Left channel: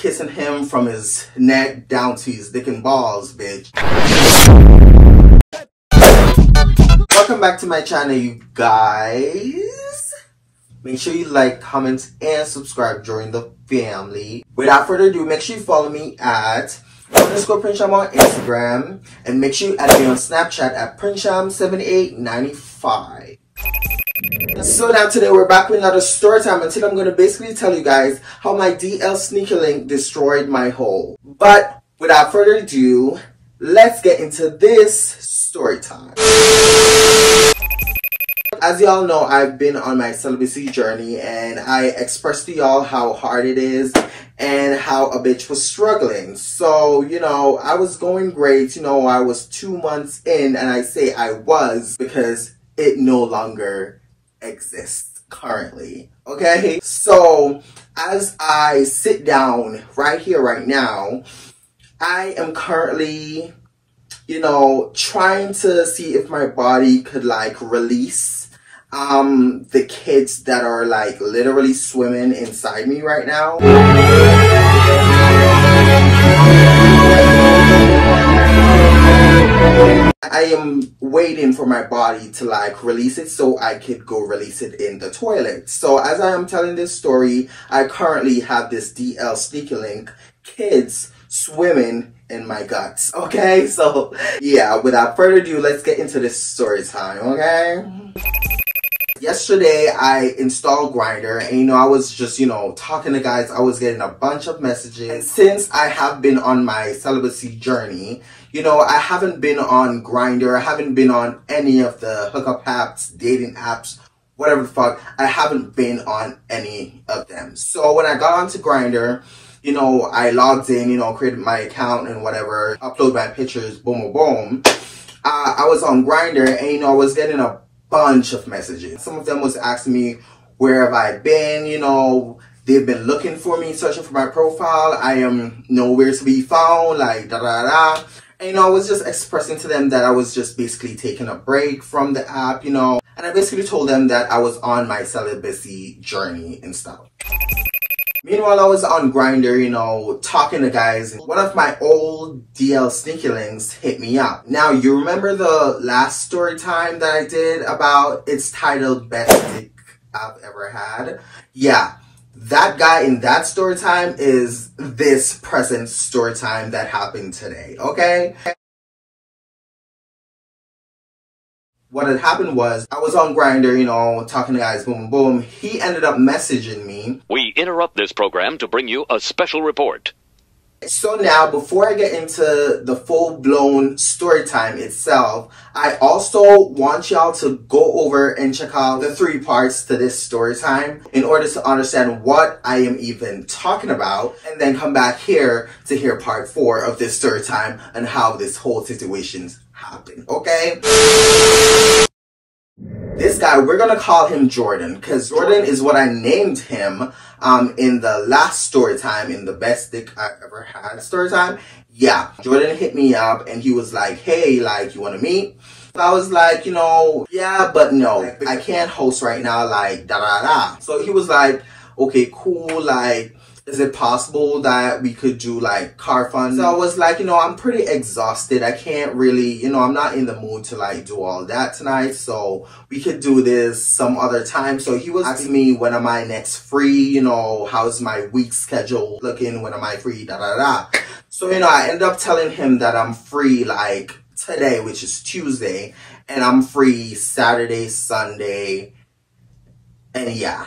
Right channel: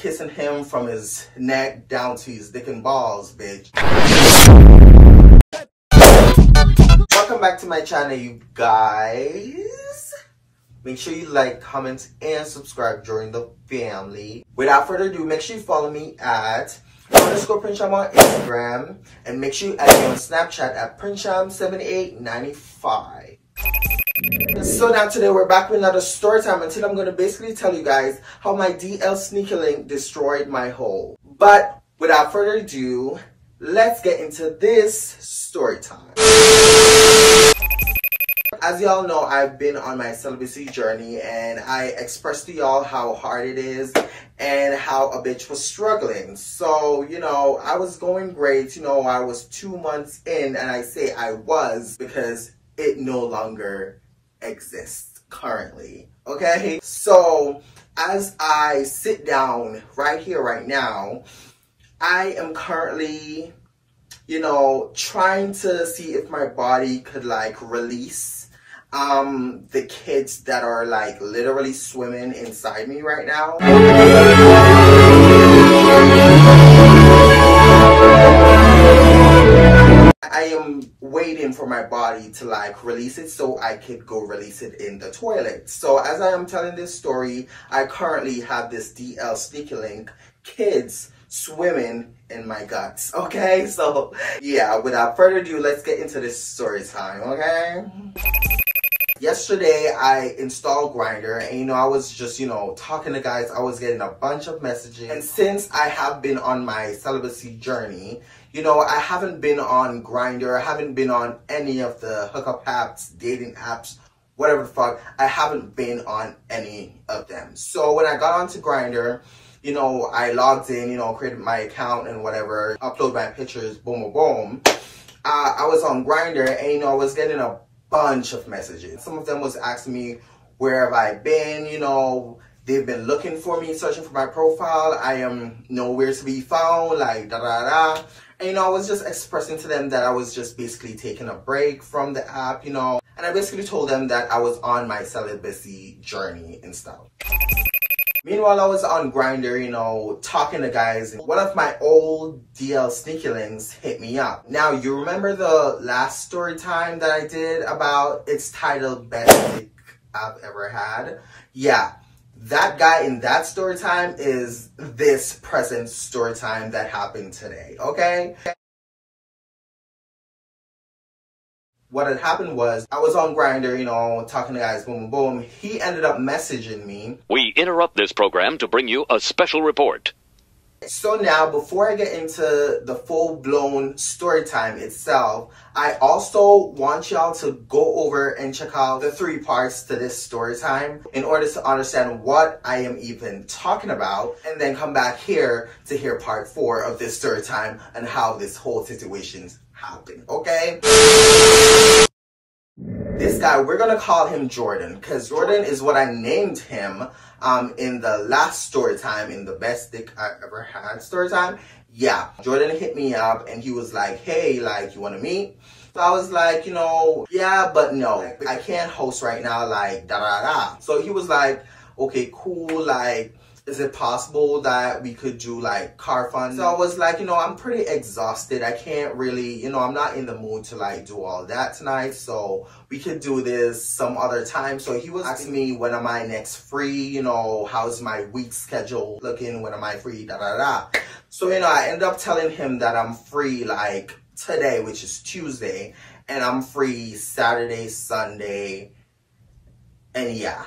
kissing him from his neck down to his dick and balls, bitch. Welcome back to my channel, you guys. Make sure you like, comment, and subscribe. Join the family. Without further ado, make sure you follow me at _Prinsham on Instagram, and make sure you add me on Snapchat at Prinsham7895. So now today we're back with another story time, and today I'm going to basically tell you guys how my DL sneaker link destroyed my hole. But without further ado, let's get into this story time. As y'all know, I've been on my celibacy journey, and I expressed to y'all how hard it is and how a bitch was struggling. So, you know, I was going great. You know, I was 2 months in, and I say I was because it no longer exists currently. Okay? So, as I sit down right here, right now, I am currently, you know, trying to see if my body could, like, release the kids that are, like, literally swimming inside me right now. I am waiting for my body to, like, release it so I could go release it in the toilet. So as I am telling this story, I currently have this DL sneaker link, kids swimming in my guts. Okay, so yeah, without further ado, let's get into this story time. Okay. Yesterday, I installed Grindr, and, you know, I was just, you know, talking to guys. I was getting a bunch of messages. And since I have been on my celibacy journey, you know, I haven't been on Grindr. I haven't been on any of the hookup apps, dating apps, whatever the fuck. I haven't been on any of them. So when I got onto Grindr, you know, I logged in, you know, created my account and whatever, upload my pictures, boom, boom, boom. I was on Grindr, and, you know, I was getting a bunch of messages. Some of them was asking me where have I been, you know, they've been looking for me, searching for my profile. I am nowhere to be found, like da da da. And, you know, I was just expressing to them that I was just basically taking a break from the app, you know, and I basically told them that I was on my celibacy journey and stuff. Meanwhile, I was on Grindr, you know, talking to guys. One of my old DL sneaker links hit me up. Now, you remember the last story time that I did about, it's titled Best Dick I've Ever Had? Yeah, that guy in that story time is this present story time that happened today, okay? What had happened was, I was on Grindr, you know, talking to guys, boom, boom, boom. He ended up messaging me. We interrupt this program to bring you a special report. So now, before I get into the full-blown story time itself, I also want y'all to go over and check out the 3 parts to this story time in order to understand what I am even talking about, and then come back here to hear part 4 of this story time and how this whole situation happened, okay? This guy, we're gonna call him Jordan, because Jordan is what I named him in the last story time, in the Best Dick I Ever Had story time. Yeah, Jordan hit me up, and he was like, hey, like, you want to meet? So I was like, you know, yeah, but no, like, I can't host right now, like, da da da. So he was like, okay, cool, like, is it possible that we could do, like, car fun? So I was like, you know, I'm pretty exhausted. I can't really, you know, I'm not in the mood to, like, do all that tonight. So we could do this some other time. So he was asking me, when am I next free? You know, how's my week schedule looking? When am I free? Da, da, da. So, you know, I ended up telling him that I'm free, like, today, which is Tuesday. And I'm free Saturday, Sunday. And yeah.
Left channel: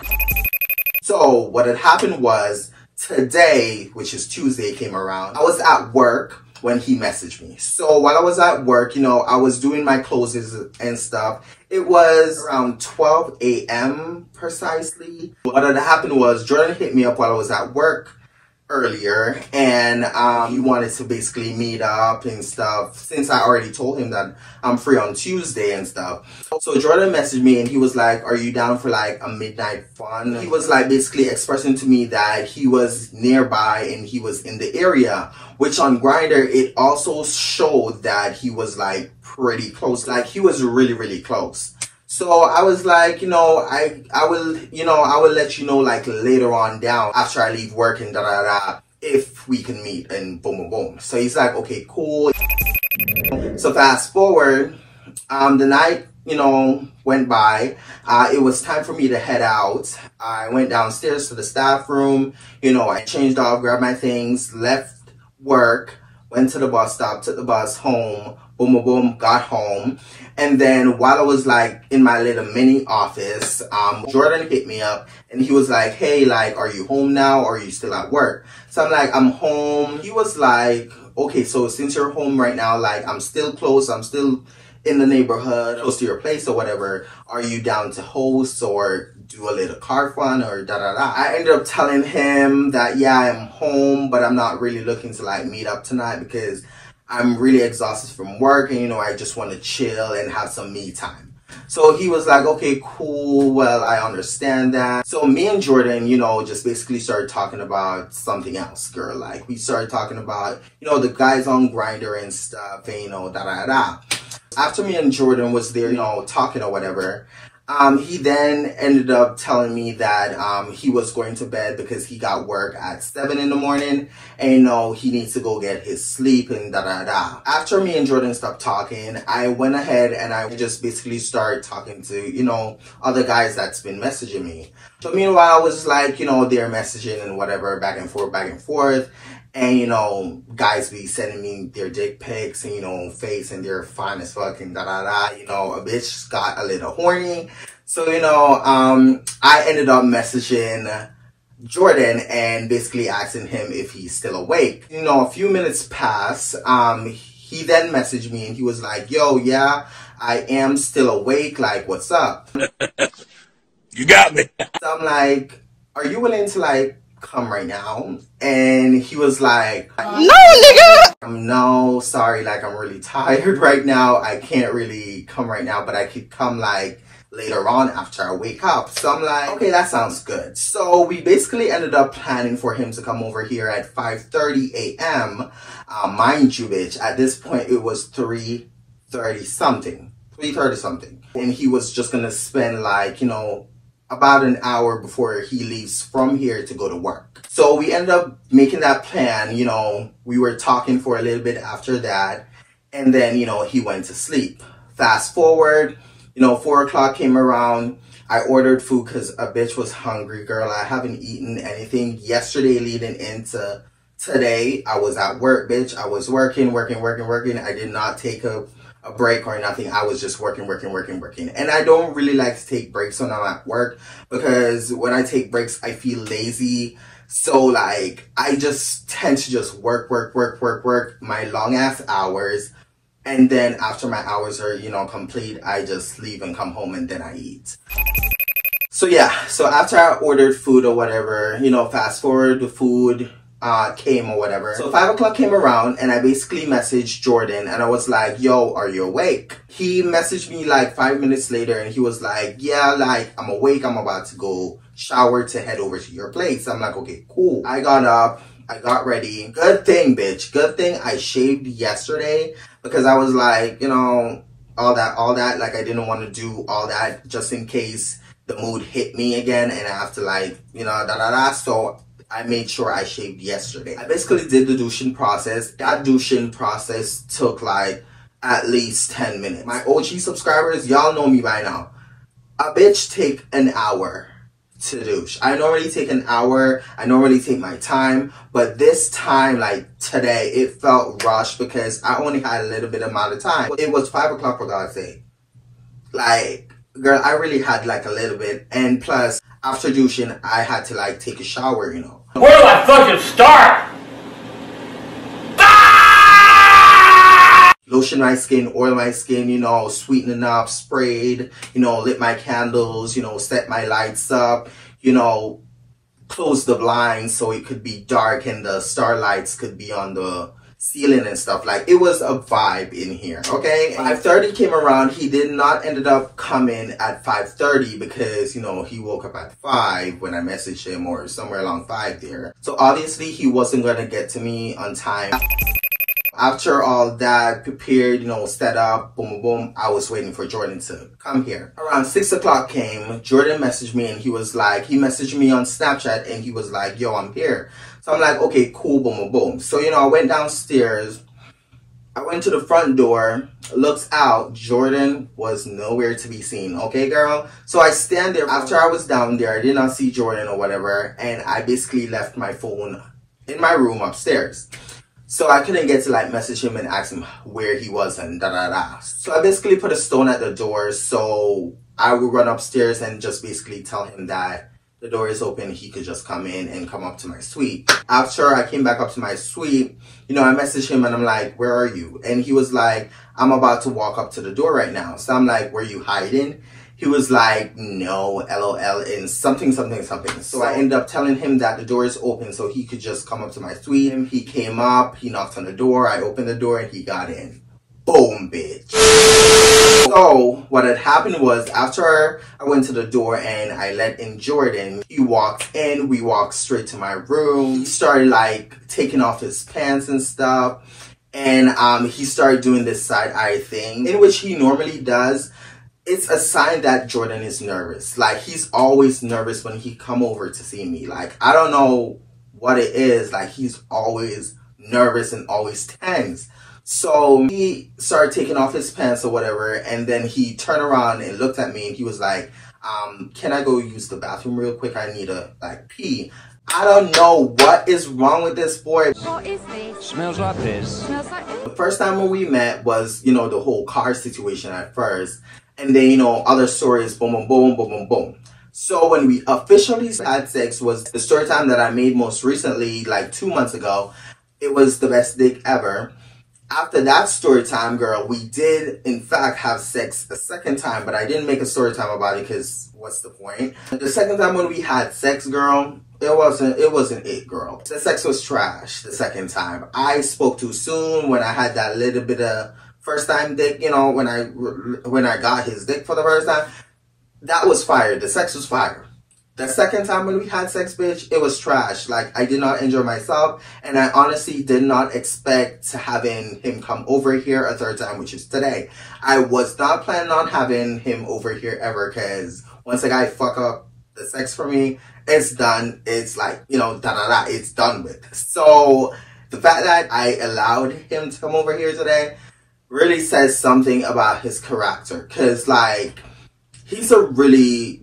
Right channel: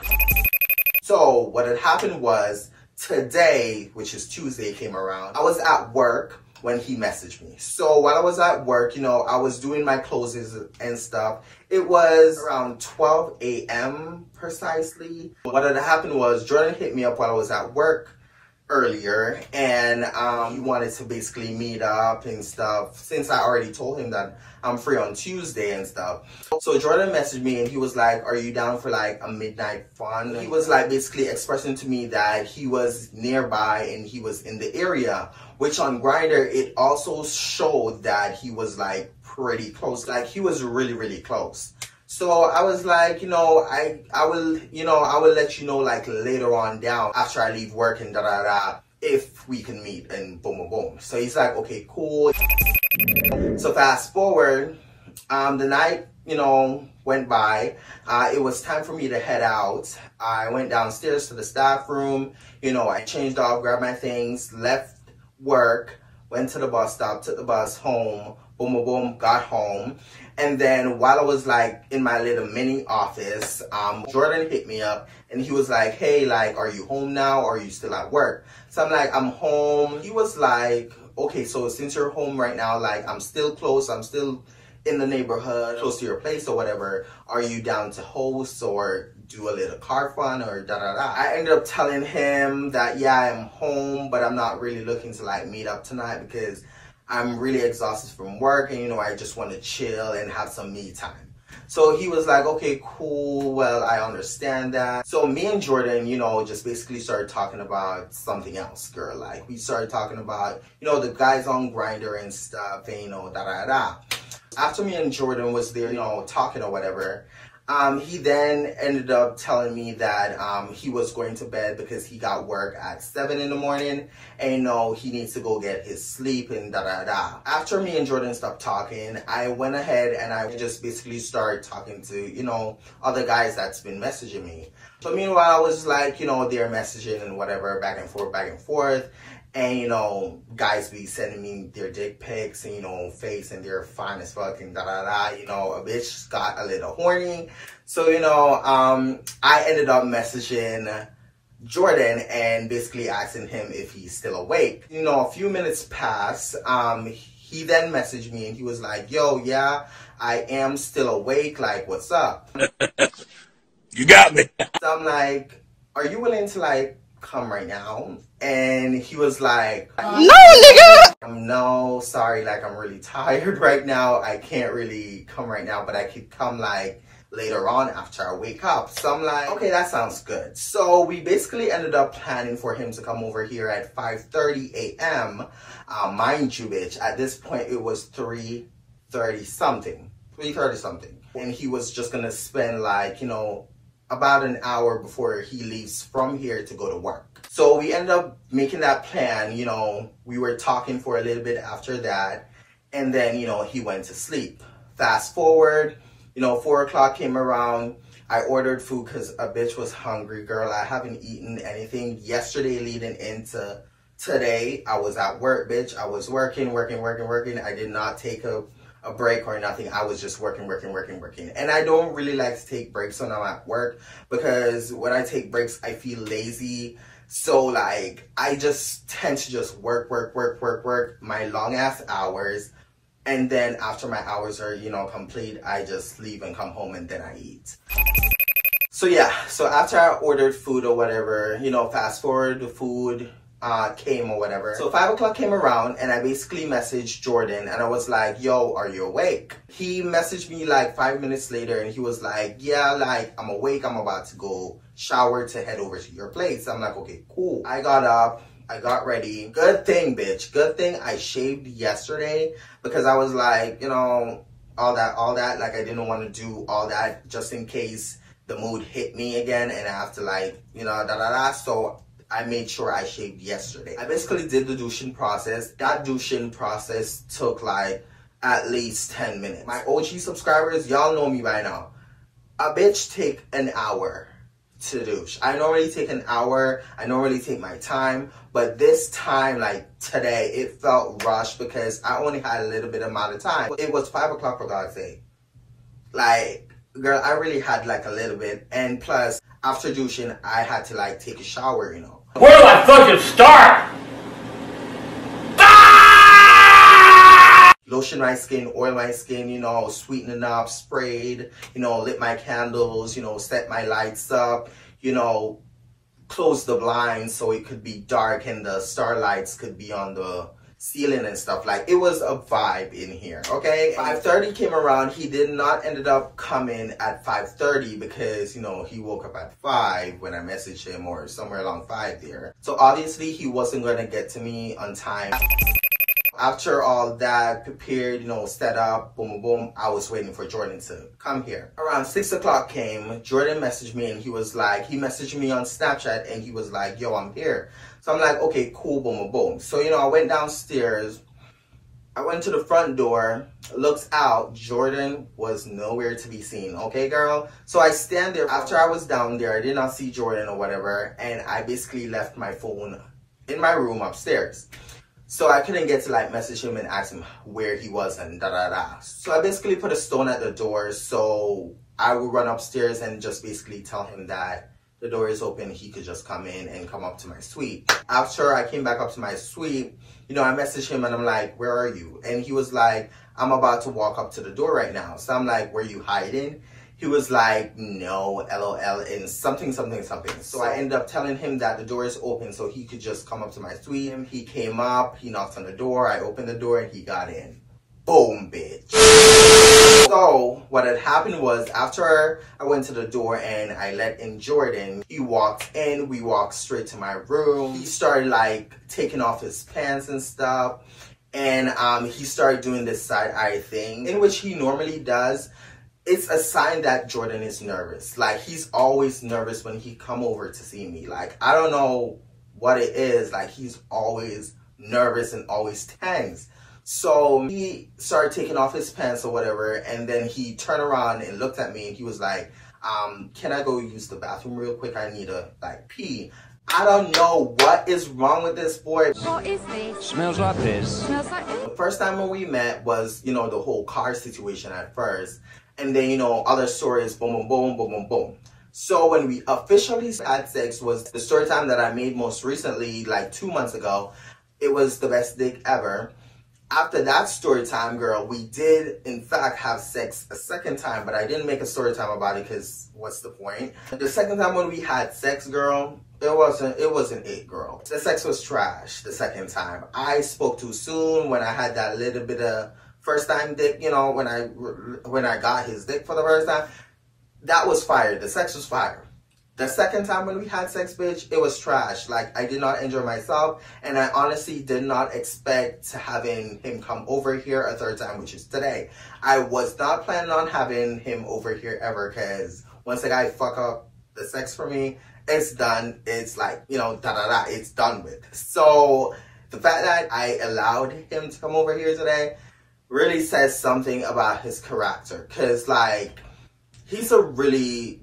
So what had happened was, today, which is Tuesday, came around. I was at work when he messaged me. So while I was at work, you know, I was doing my closes and stuff. It was around 12 a.m. precisely. What had happened was, Jordan hit me up while I was at work earlier, and he wanted to basically meet up and stuff, since I already told him that I'm free on Tuesday and stuff. So Jordan messaged me, and he was like, are you down for, like, a midnight fun? He was, like, basically expressing to me that he was nearby and he was in the area, which on Grindr, it also showed that he was, like, pretty close. Like, he was really, really close. So I was like, you know, I will let you know, like, later on down after I leave work and da da da, if we can meet, and boom, boom, boom. So he's like, okay, cool. So fast forward, the night, went by. It was time for me to head out. I went downstairs to the staff room. I changed off, grabbed my things, left work, went to the bus stop, took the bus home, boom, boom, boom, got home. And then while I was like in my little mini office, Jordan hit me up and he was like, hey, like, are you home now or are you still at work? So I'm like, I'm home. He was like, okay, so since you're home right now, like, I'm still close, I'm still in the neighborhood, close to your place or whatever. Are you down to host or do a little car fun or da-da-da? I ended up telling him that, yeah, I'm home, but I'm not really looking to like meet up tonight because I'm really exhausted from work and, I just want to chill and have some me time. So he was like, okay, cool. Well, I understand that. So me and Jordan, just basically started talking about something else, girl. Like we started talking about, the guys on Grindr and stuff and, da-da-da. After me and Jordan was there, talking or whatever, he then ended up telling me that he was going to bed because he got work at 7 in the morning and he needs to go get his sleep and da-da-da. After me and Jordan stopped talking, I went ahead and I just basically started talking to, other guys that's been messaging me. So meanwhile, I was like, they're messaging and whatever, back and forth. And, guys be sending me their dick pics and, face and they're fine as fuck and da-da-da. A bitch got a little horny. So, I ended up messaging Jordan and basically asking him if he's still awake. A few minutes pass. He then messaged me and he was like, yo, yeah, I am still awake. Like, what's up? You got me. So I'm like, are you willing to like come right now? And he was like, no, nigga. No, sorry, like I'm really tired right now. I can't really come right now, but I could come like later on after I wake up. So I'm like, okay, that sounds good. So we basically ended up planning for him to come over here at 5:30 a.m. Mind you, bitch, at this point it was 3:30 something. And he was just gonna spend like, about an hour before he leaves from here to go to work. So we ended up making that plan. We were talking for a little bit after that. And then, he went to sleep. Fast forward, 4 o'clock came around. I ordered food because a bitch was hungry, girl. I haven't eaten anything yesterday leading into today. I was at work, bitch. I was working. I did not take a break or nothing. I was just working. And I don't really like to take breaks when I'm at work because when I take breaks, I feel lazy. So like, I just tend to just work my long ass hours. And then after my hours are, complete, I just leave and come home and then I eat. So yeah, so after I ordered food or whatever, fast forward, the food came or whatever. So 5 o'clock came around and I basically messaged Jordan and I was like, yo, are you awake? He messaged me like 5 minutes later and he was like, yeah, like I'm awake. I'm about to go shower to head over to your place. I'm like, okay, cool. I got up. I got ready. Good thing, bitch. Good thing I shaved yesterday because I was like, all that. Like I didn't want to do all that just in case the mood hit me again and I have to like, da-da-da. So I made sure I shaved yesterday. I basically did the douching process. That douching process took like at least 10 minutes. My OG subscribers, y'all know me by now. A bitch take an hour to douche. I normally take an hour. I normally take my time. But this time, like today, it felt rushed because I only had a little bit amount of time. It was 5 o'clock for God's sake. Like, girl, I really had like a little bit. And plus, after douching, I had to like take a shower, Where do I fucking start? Lotion my skin, oil my skin, sweeten up, sprayed, lit my candles, set my lights up, close the blinds so it could be dark and the starlights could be on the ceiling and stuff. Like, it was a vibe in here, okay? 5:30 came around. He did not ended up coming at 5:30 because, he woke up at 5 when I messaged him or somewhere along 5 there. So obviously he wasn't going to get to me on time. After all that prepared, you know, set up, boom, boom, boom, I was waiting for Jordan to come here. Around 6 o'clock came, Jordan messaged me and he messaged me on Snapchat and he was like, yo, I'm here. So I'm like, okay, cool, boom, boom, boom. So, you know, I went downstairs. I went to the front door, looked out, Jordan was nowhere to be seen, okay girl? So I stand there, after I was down there, I did not see Jordan or whatever, and I basically left my phone in my room upstairs. So I couldn't get to like message him and ask him where he was and da da da. So I basically put a stone at the door so I would run upstairs and just basically tell him that the door is open, he could just come in and come up to my suite. After I came back up to my suite, you know, I messaged him and I'm like, where are you? And he was like, I'm about to walk up to the door right now. So I'm like, were you hiding? He was like, no, LOL, and something. So I ended up telling him that the door is open so he could just come up to my suite. He came up, he knocked on the door, I opened the door and he got in. Boom, bitch. So what had happened was after I went to the door and I let in Jordan, he walked in, we walked straight to my room. He started like taking off his pants and stuff. And he started doing this side eye thing, in which he normally does. It's a sign that Jordan is nervous. Like, he's always nervous when he come over to see me. Like, I don't know what it is. Like, he's always nervous and always tense. So he started taking off his pants or whatever, and then he turned around and looked at me and he was like, can I go use the bathroom real quick? I need to like pee. I don't know what is wrong with this boy. What is this? Smells like this. Smells like The first time when we met was, you know, the whole car situation at first. And then, you know, other stories, boom, boom, boom, boom, boom, boom. So when we officially had sex was the story time that I made most recently, like 2 months ago. It was the best dick ever. After that story time, girl, we did in fact have sex a second time, but I didn't make a story time about it because what's the point? The second time when we had sex, girl, it wasn't it, girl. The sex was trash the second time. I spoke too soon when I had that little bit of first time dick, you know, when I got his dick for the first time. That was fire. The sex was fire. The second time when we had sex, bitch, it was trash. Like, I did not enjoy myself, and I honestly did not expect having him come over here a third time, which is today. I was not planning on having him over here ever, because once a guy fuck up the sex for me, it's done. It's like, you know, da-da-da, it's done with. So, the fact that I allowed him to come over here today really says something about his character, because, like, he's a really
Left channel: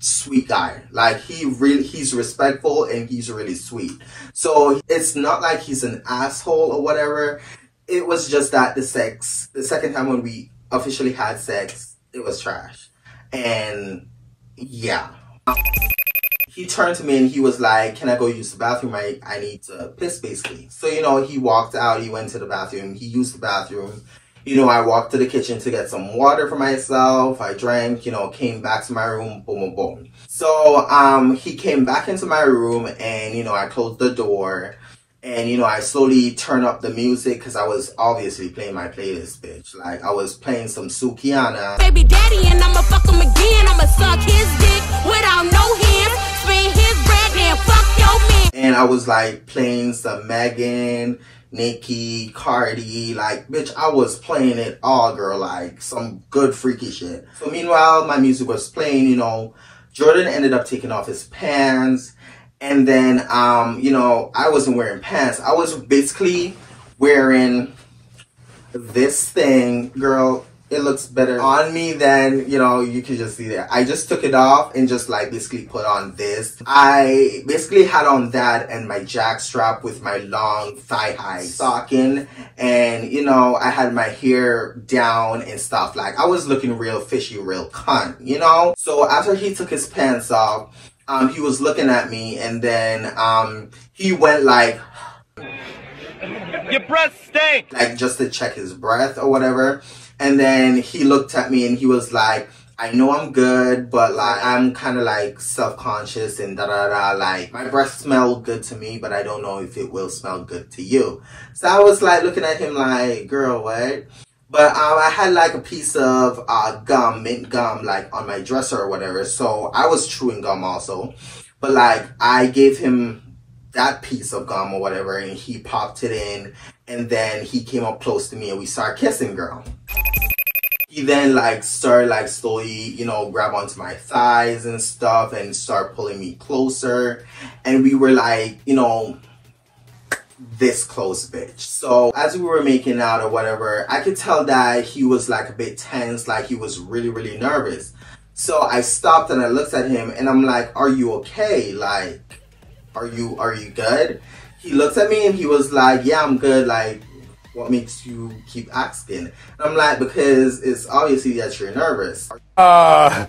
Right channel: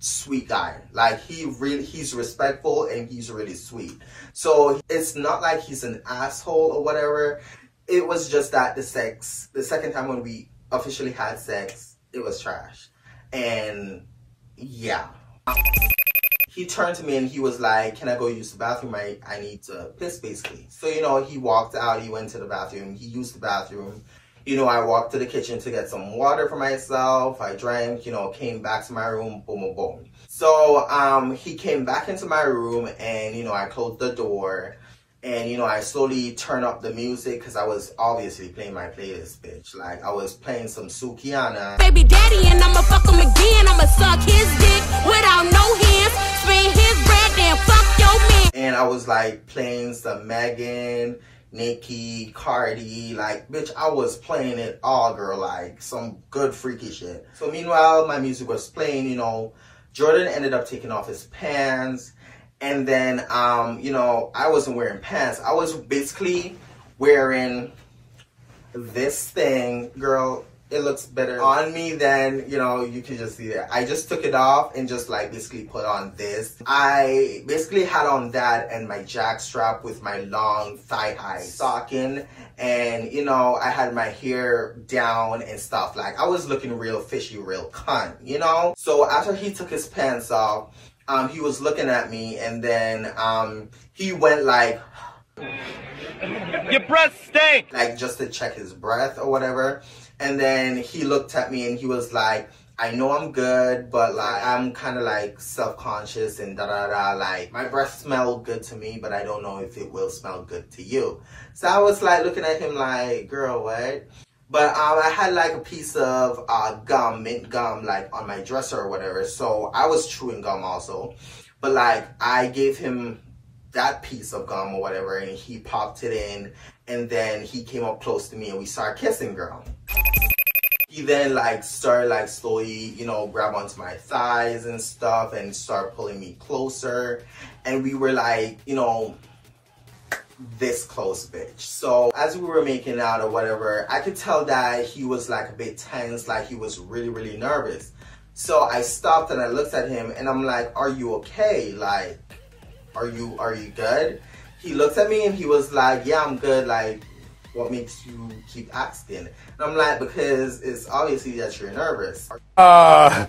sweet guy. Like, he's respectful and he's really sweet. So it's not like he's an asshole or whatever. It was just that the second time when we officially had sex, it was trash. And yeah, he turned to me and he was like, can I go use the bathroom? I need to piss, basically. So, you know, he walked out, he went to the bathroom, he used the bathroom. You know, I walked to the kitchen to get some water for myself. I drank, you know, came back to my room, boom, boom, boom. So, he came back into my room and, you know, I closed the door. And, you know, I slowly turned up the music because I was obviously playing my playlist, bitch. Like, I was playing some Sukiana. baby daddy and I'ma fuck him again. I'ma suck his dick without no hands. Spin his bread and fuck your man. And I was, like, playing some Megan, Nicki, Cardi, like, bitch, I was playing it all, girl, like, some good freaky shit. So meanwhile, my music was playing, you know, Jordan ended up taking off his pants, and then, you know, I wasn't wearing pants. I was basically wearing this thing, girl. It looks better on me than, you know, you can just see that. I just took it off and just like basically put on this. I basically had on that and my jack strap with my long thigh-high stocking. And, you know, I had my hair down and stuff. Like, I was looking real fishy, real cunt, you know? So after he took his pants off, he was looking at me and then he went like, Your breath stinks! like just to check his breath or whatever. And then he looked at me and he was like, I know I'm good, but like I'm kind of like self-conscious and da-da-da. Like, my breath smelled good to me, but I don't know if it will smell good to you. So I was like looking at him like, girl, what? But I had like a piece of gum, mint gum, like on my dresser or whatever. So I was chewing gum also. But like, I gave him that piece of gum or whatever, and he popped it in, and then he came up close to me and we started kissing, girl. He then like started like slowly, you know, grab onto my thighs and stuff and start pulling me closer, and we were like, you know, this close, bitch. So as we were making out or whatever, I could tell that he was like a bit tense, like he was really nervous. So I stopped and I looked at him and I'm like, are you okay? Like, are you good? He looked at me and he was like, yeah, I'm good. Like, what makes you keep asking? And I'm like, because it's obviously that you're nervous. I'm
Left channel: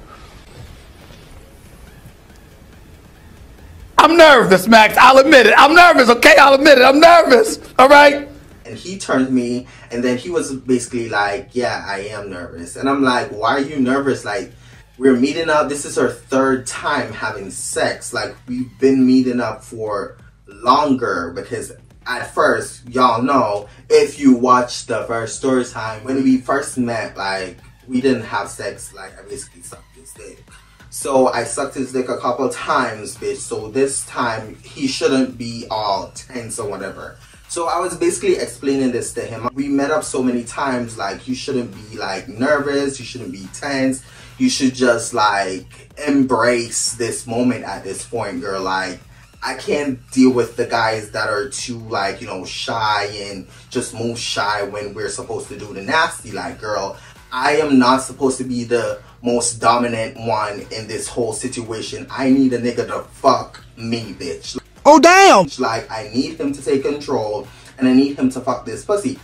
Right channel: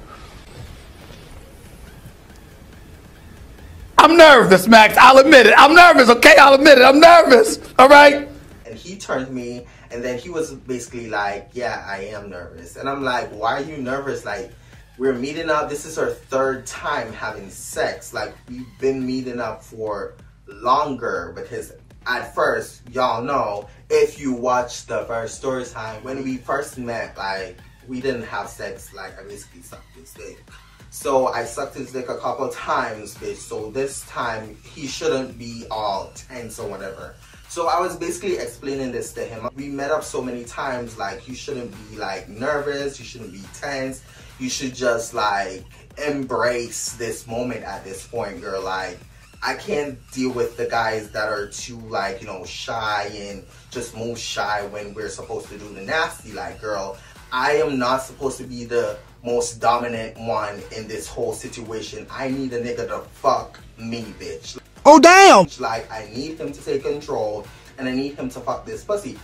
nervous, Max. I'll admit it. I'm nervous, okay? I'll admit it. I'm nervous, all right? And he turned to me and then he was basically like, yeah, I am nervous. And I'm like, why are you nervous? Like, we're meeting up. This is our third time having sex. Like, we've been meeting up for longer because at first, y'all know, if you watch the first story time, when we first met, like, we didn't have sex. Like, I basically sucked his dick. So I sucked his dick a couple times, bitch. So this time, he shouldn't be all tense or whatever. So I was basically explaining this to him. We met up so many times, like, you shouldn't be, like, nervous. You shouldn't be tense. You should just, like, embrace this moment at this point, girl. Like, I can't deal with the guys that are too, like, you know, shy and just move shy when we're supposed to do the nasty. Like, girl, I am not supposed to be the most dominant one in this whole situation. I need a nigga to fuck me, bitch. Oh, damn! Like, I need him to take control and I need him to fuck this pussy.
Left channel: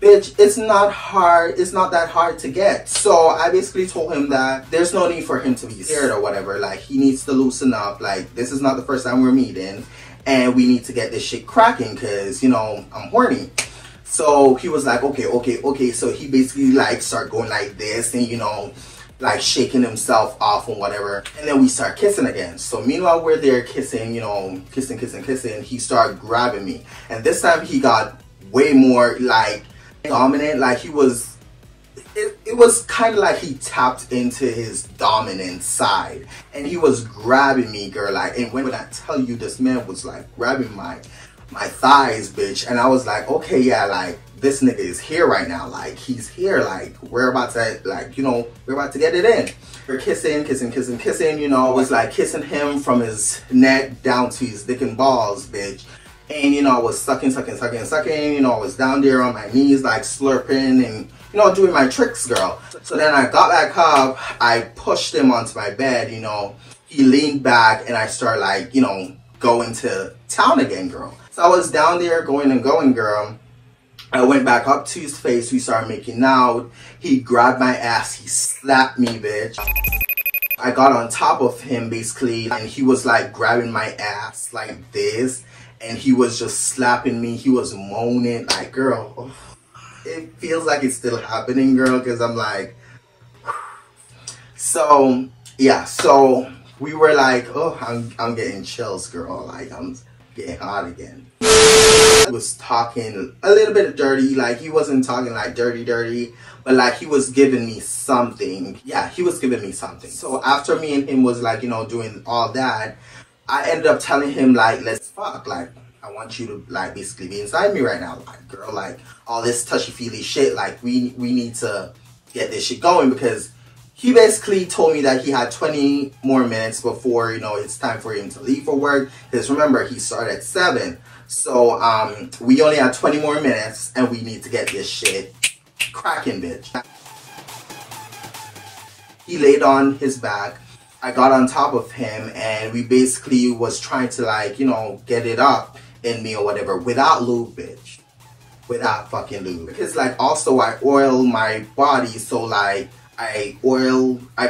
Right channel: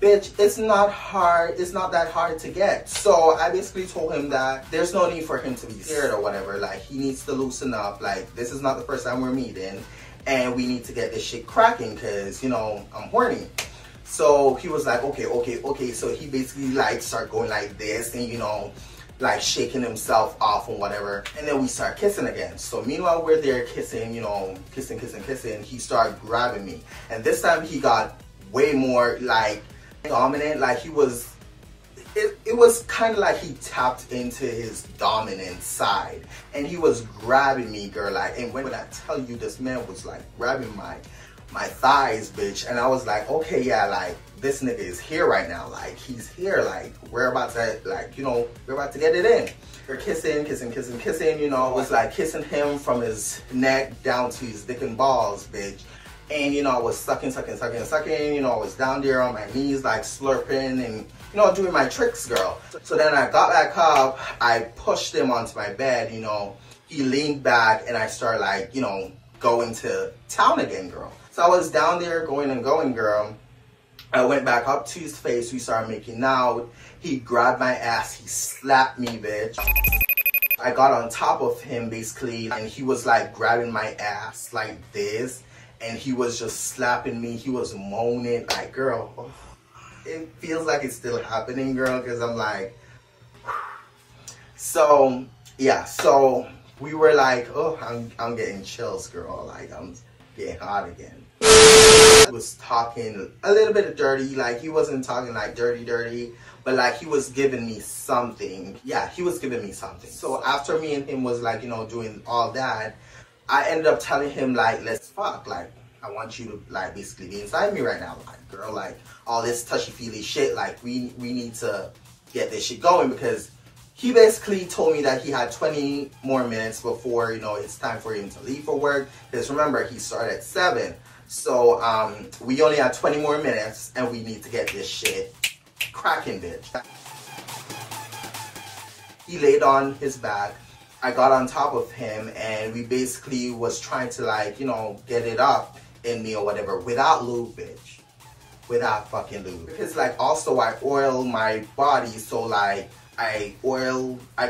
Bitch, it's not hard. It's not that hard to get. So I basically told him that there's no need for him to be scared or whatever. Like, he needs to loosen up. Like, this is not the first time we're meeting and we need to get this shit cracking because, you know, I'm horny. So he was like, okay. So he basically like started going like this and, you know, like shaking himself off and whatever. And then we start kissing again. So meanwhile we're there kissing, you know, kissing. He started grabbing me. And this time he got way more like dominant. Like he was, it was kind of like he tapped into his dominant side. And he was grabbing me, girl. Like, and when I tell you, this man was like grabbing my thighs, bitch. And I was like, okay, yeah, like, this nigga is here right now. Like, he's here. Like, we're about to, like, you know, we're about to get it in. We're kissing, you know. I was like kissing him from his neck down to his dick and balls, bitch. And, you know, I was sucking. You know, I was down there on my knees, like, slurping and, you know, doing my tricks, girl. So then I got back up. I pushed him onto my bed, you know. He leaned back and I started, like, you know, going to town again, girl. So I was down there going, girl. I went back up to his face. We started making out. He grabbed my ass. He slapped me, bitch. I got on top of him, basically, and he was, like, grabbing my ass like this. And he was just slapping me. He was moaning. Like, girl, oh, it feels like it's still happening, girl, because I'm like... So, yeah. So, we were like, oh, I'm getting chills, girl. Like, I'm getting hot again. He was talking a little bit dirty. Like, he wasn't talking like dirty, but like he was giving me something. Yeah, he was giving me something. So after me and him was like, you know, doing all that, I ended up telling him like, let's fuck. Like, I want you to like basically be inside me right now. Like, girl, like all this touchy-feely shit, like we need to get this shit going, because he basically told me that he had 20 more minutes before, you know, it's time for him to leave for work. Because remember, he started at 7. So, we only have 20 more minutes and we need to get this shit cracking, bitch. He laid on his back. I got on top of him and we basically was trying to, like, you know, get it up in me or whatever without lube, bitch. Without fucking lube. Because, like, also I oil my body, so, like, I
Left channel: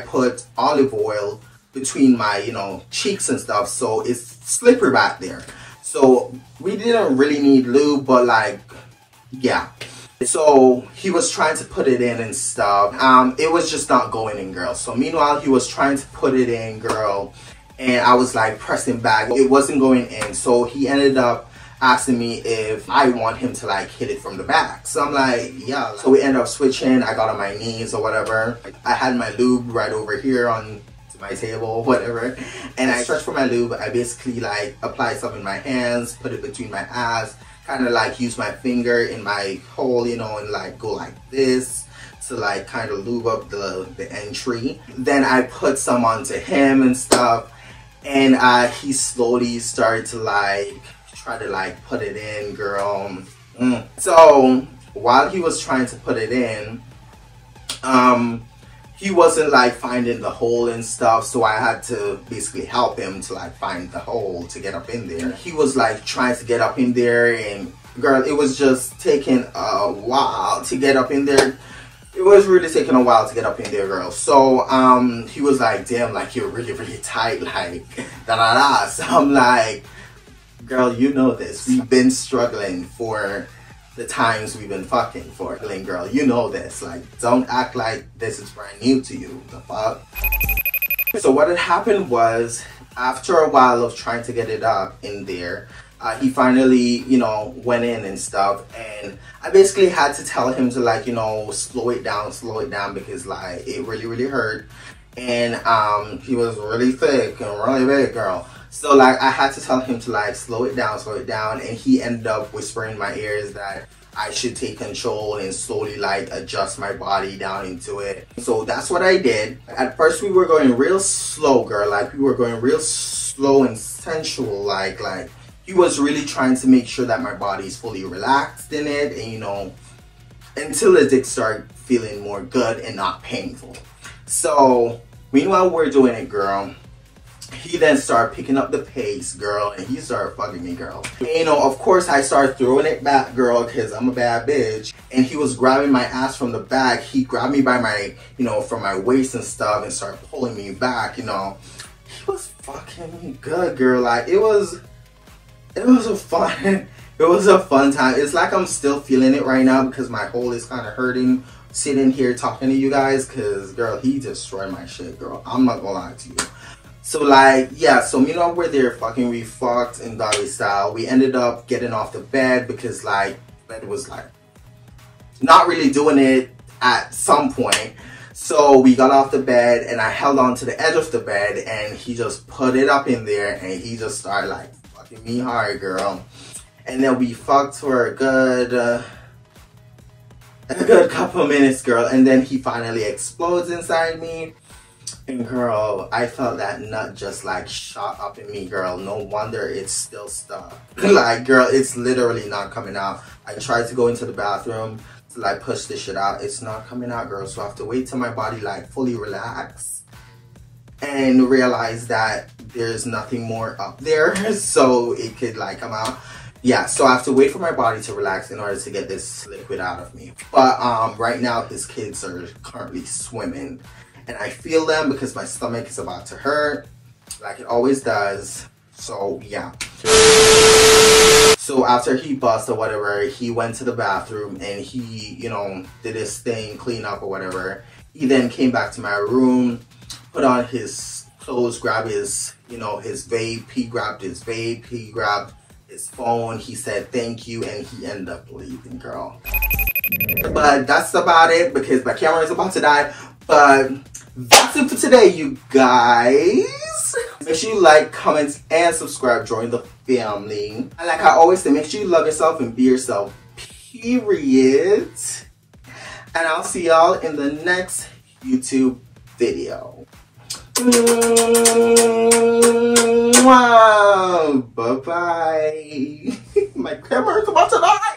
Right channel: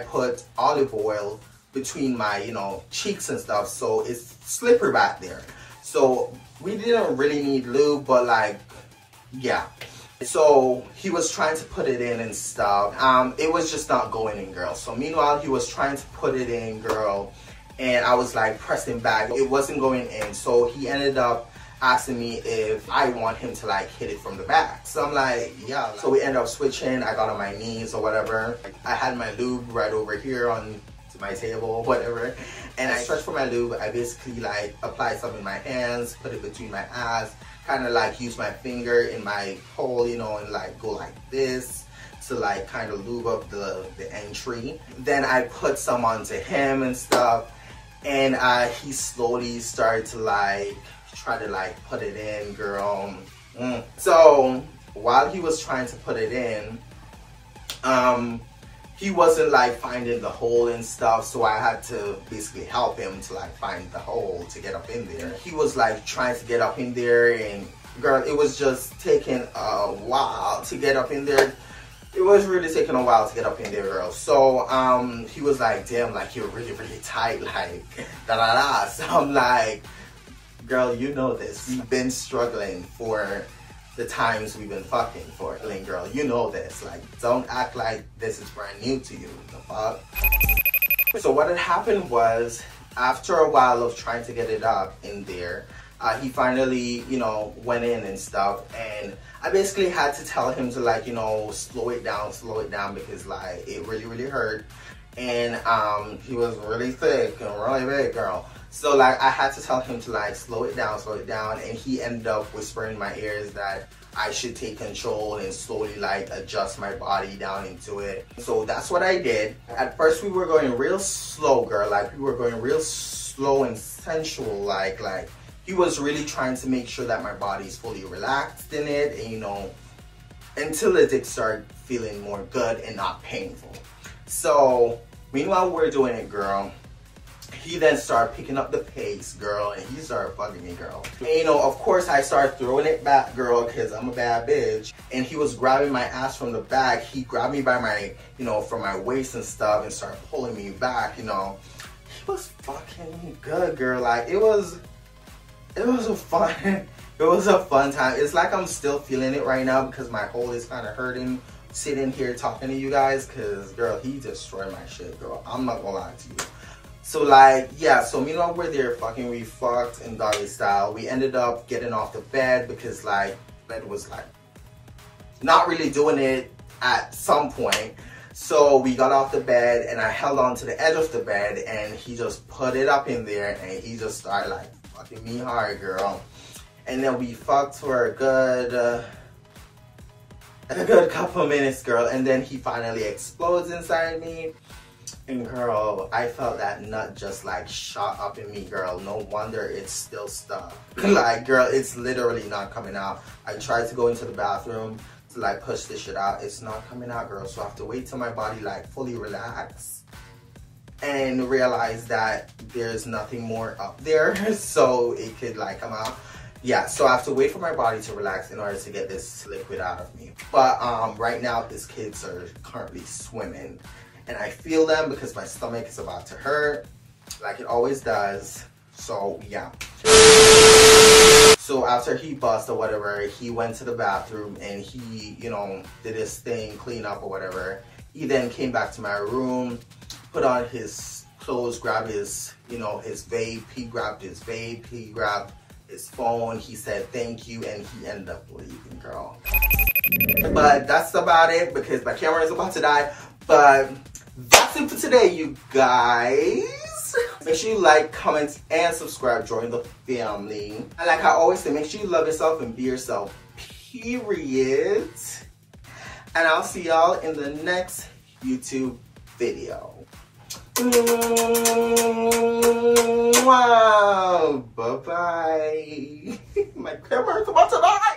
put olive oil between my, you know, cheeks and stuff, so it's slippery back there. So we didn't really need lube, but like, yeah. So he was trying to put it in and stuff. It was just not going in, girl. So meanwhile, he was trying to put it in, girl, and I was like pressing back. It wasn't going in. So he ended up asking me if I want him to like hit it from the back. So I'm like, yeah. So we ended up switching. I got on my knees or whatever. I had my lube right over here on to my table or whatever, and I searched for my lube. I basically like applied some in my hands, put it between my ass, kind of like use my finger in my hole, you know, and like go like this to like kind of lube up the entry. Then I put some onto him and stuff, and he slowly started to like try to like put it in, girl. So while he was trying to put it in, he wasn't like finding the hole and stuff, so I had to basically help him to like find the hole to get up in there. He was like trying to get up in there, and girl, it was just taking a while to get up in there. It was really taking a while to get up in there, girl. So he was like, damn, like you're really, really tight, like da da da. So I'm like, girl, you know this. We've been struggling for the times we've been fucking for, girl. You know this. Like, don't act like this is brand new to you. The fuck? So what had happened was, after a while of trying to get it up in there, he finally, you know, went in and stuff, and I basically had to tell him to like, you know, slow it down because like it really, really hurt, and he was really thick and really big, girl. So like I had to tell him to like slow it down, and he ended up whispering in my ears that I should take control and slowly like adjust my body down into it. So that's what I did. At first we were going real slow, girl. Like we were going real slow and sensual, like he was really trying to make sure that my body is fully relaxed in it, and you know, until the dick started feeling more good and not painful. So meanwhile we're doing it, girl, he then started picking up the pace, girl, and he started fucking me, girl. And, you know, of course I started throwing it back, girl, because I'm a bad bitch. And he was grabbing my ass from the back. He grabbed me by my, you know, from my waist and stuff, and started pulling me back, you know. He was fucking good, girl. Like it was a fun time. It's like I'm still feeling it right now because my hole is kind of hurting sitting here talking to you guys, because girl, he destroyed my shit, girl. I'm not gonna lie to you. So like, yeah, so meanwhile we're there fucking, we fucked in doggy style. We ended up getting off the bed because like bed was like not really doing it at some point. So we got off the bed and I held on to the edge of the bed, and he just put it up in there, and he just started like fucking me hard, girl. And then we fucked for a good couple minutes, girl, and then he finally explodes inside me. And girl, I felt that nut just like shot up in me, girl. No wonder it's still stuck. Like, girl, it's literally not coming out. I tried to go into the bathroom to like push this shit out. It's not coming out, girl. So I have to wait till my body like fully relax and realize that there's nothing more up there so it could like come out. Yeah, so I have to wait for my body to relax in order to get this liquid out of me. But right now his kids are currently swimming, and I feel them because my stomach is about to hurt like it always does. So yeah. So after he bust or whatever, he went to the bathroom and he, you know, did his thing, clean up or whatever. He then came back to my room, put on his clothes, grabbed his, you know, his vape. He grabbed his vape, he grabbed his phone, he said thank you, and he ended up leaving, girl. But that's about it because my camera is about to die. But that's it for today, you guys. Make sure you like, comment, and subscribe. Join the family. And like I always say, make sure you love yourself and be yourself, period. And I'll see y'all in the next YouTube video. Wow. Bye-bye. My camera is about to die.